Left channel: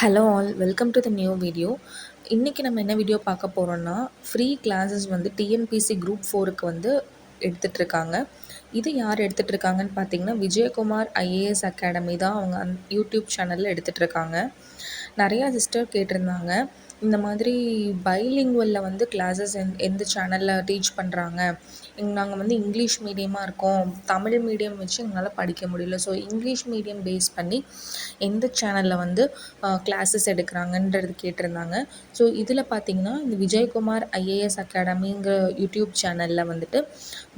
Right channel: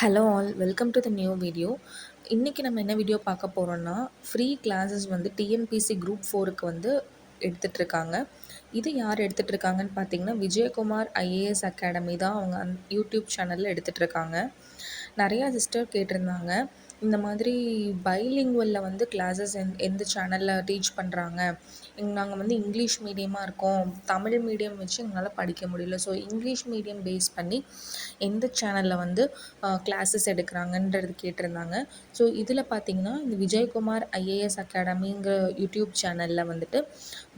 Hello all welcome to the new video. இன்றைக்கி நம்ம என்ன வீடியோ பார்க்க போகிறோன்னா, ஃப்ரீ கிளாஸஸ் வந்து டிஎன்பிசி குரூப் 4க்கு வந்து எடுத்துகிட்ருக்காங்க. இது யார் எடுத்துகிட்ருக்காங்கன்னு பார்த்தீங்கன்னா, விஜயகுமார் ஐஏஎஸ் அகாடமி தான் அவங்க யூடியூப் சேனலில் எடுத்துகிட்ருக்காங்க. நிறையா சிஸ்டர் கேட்டிருந்தாங்க, இந்த மாதிரி பைலிங்குவலில் வந்து கிளாஸஸ் எந்த சேனலில் டீச் பண்ணுறாங்க. நாங்கள் வந்து இங்கிலீஷ் மீடியமாக இருக்கோம், தமிழ் மீடியம் வச்சு எங்களால் படிக்க முடியல. ஸோ இங்கிலீஷ் மீடியம் பேஸ் பண்ணி எந்த சேனலில் வந்து கிளாஸஸ் எடுக்கிறாங்கன்றது கேட்டிருந்தாங்க. ஸோ இதில் பார்த்திங்கன்னா, இந்த விஜயகுமார் ஐஏஎஸ் அகாடமிங்கிற யூடியூப் சேனலில் வந்துட்டு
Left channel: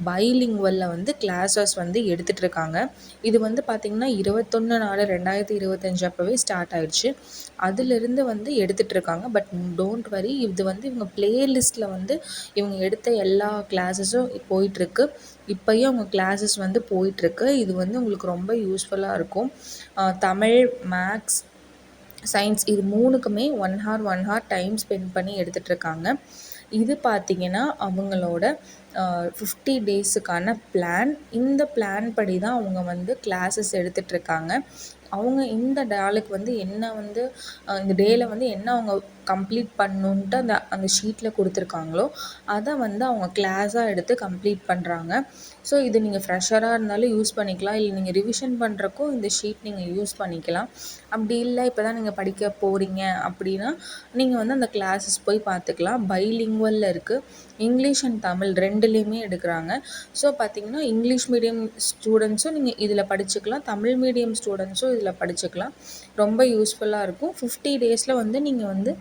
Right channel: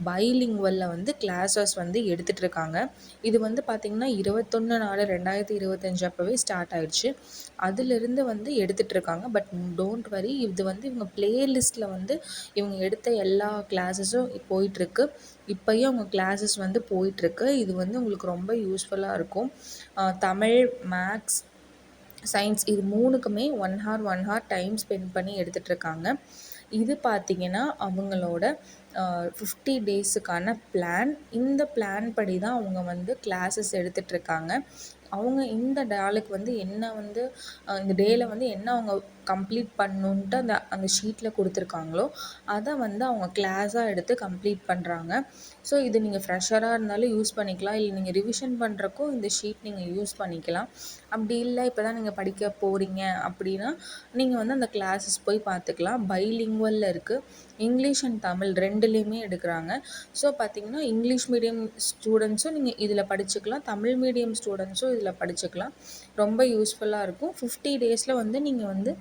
பைலிங்குவலில் வந்து கிளாஸஸ் வந்து எடுத்துகிட்ருக்காங்க. இது வந்து பார்த்திங்கன்னா 21/4/2025 அப்போவே ஸ்டார்ட் ஆயிடுச்சு. அதிலிருந்து வந்து எடுத்துகிட்ருக்காங்க. பட் டோன்ட் வரி, இது வந்து இவங்க ப்ளேலிஸ்ட்டில் வந்து இவங்க எடுத்த எல்லா கிளாஸஸும் போயிட்டுருக்கு. இப்போயும் அவங்க கிளாஸஸ் வந்து போயிட்டுருக்கு. இது வந்து உங்களுக்கு ரொம்ப யூஸ்ஃபுல்லாக இருக்கும். தமிழ், மேக்ஸ், சயின்ஸ் இது 3க்குமே 1 ஹார் 1 ஹார் டைம் ஸ்பெண்ட் பண்ணி எடுத்துகிட்ருக்காங்க. இது பார்த்திங்கன்னா அவங்களோட 50 டேஸுக்கான பிளான். இந்த பிளான் படி தான் அவங்க வந்து கிளாஸஸ் எடுத்துகிட்ருக்காங்க. அவங்க இந்த நாளுக்கு வந்து என்ன வந்து இந்த டேயில் வந்து என்ன அவங்க கம்ப்ளீட் பண்ணணுன்ட்டு அந்த ஷீட்டில் கொடுத்துருக்காங்களோ அதை வந்து அவங்க கிளாஸாக எடுத்து கம்ப்ளீட் பண்ணுறாங்க. ஸோ இது நீங்கள் ஃப்ரெஷராக இருந்தாலும் யூஸ் பண்ணிக்கலாம், இல்லை நீங்கள் ரிவிஷன் பண்ணுறக்கும் இந்த ஷீட் நீங்கள் யூஸ் பண்ணிக்கலாம். அப்படி இல்லை இப்போ தான் நீங்கள் படிக்க போகிறீங்க அப்படின்னா நீங்கள் வந்து அந்த கிளாஸஸ் போய் பார்த்துக்கலாம். பைலிங்குவலில் இருக்குது, இங்கிலீஷ் அண்ட் தமிழ் ரெண்டுலேயுமே எடுக்கிறாங்க. ஸோ பார்த்திங்கன்னா இங்கிலீஷ் மீடியம் ஸ்டூடெண்ட்ஸும் நீங்கள் இதில் படிச்சுக்கலாம், தமிழ் மீடியம் ஸ்டூடெண்ட்ஸும் இதில் படிச்சுக்கலாம். ரொம்ப யூஸ்ஃபுல்லாக இருக்கும். 50 டேஸில் வந்து நீங்கள் வந்து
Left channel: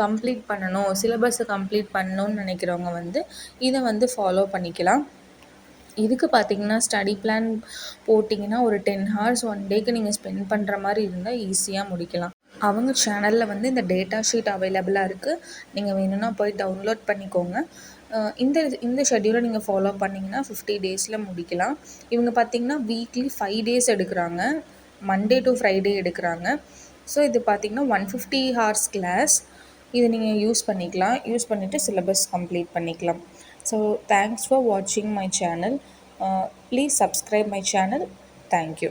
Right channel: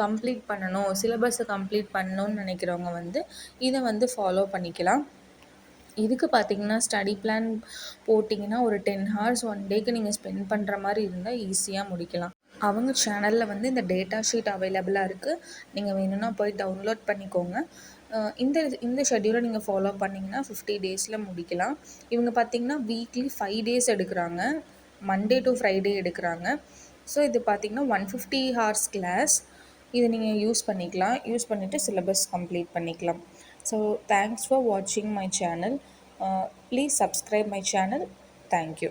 கம்ப்ளீட் பண்ணணும், சிலபஸை கம்ப்ளீட் பண்ணணும்னு நினைக்கிறவங்க வந்து இதை வந்து ஃபாலோ பண்ணிக்கலாம். இதுக்கு பார்த்திங்கன்னா ஸ்டடி பிளான் போட்டிங்கன்னா ஒரு 10 ஹார்ஸ் 1 டேக்கு நீங்கள் ஸ்பெண்ட் பண்ணுற மாதிரி இருந்தால் ஈஸியாக முடிக்கலாம். அவங்க சேனலில் வந்து இந்த டேட்டா ஷீட் அவைலபிளாக இருக்குது. நீங்கள் வேணும்னா போய் டவுன்லோட் பண்ணிக்கோங்க. இந்த ஷெட்யூலை நீங்கள் ஃபாலோ பண்ணிங்கன்னா 50 டேஸில் முடிக்கலாம். இவங்க பார்த்திங்கன்னா வீக்லி 5 டேஸ் எடுக்கிறாங்க, மண்டே டு ஃப்ரைடே எடுக்கிறாங்க. ஸோ இது பார்த்திங்கன்னா 150 ஹார்ஸ் கிளாஸ். இது நீங்கள் யூஸ் பண்ணிக்கலாம், யூஸ் பண்ணிவிட்டு சிலபஸ் கம்ப்ளீட் பண்ணிக்கலாம். ஸோ தேங்க்ஸ் ஃபார் வாட்சிங் my channel. Please subscribe my channel. Thank you.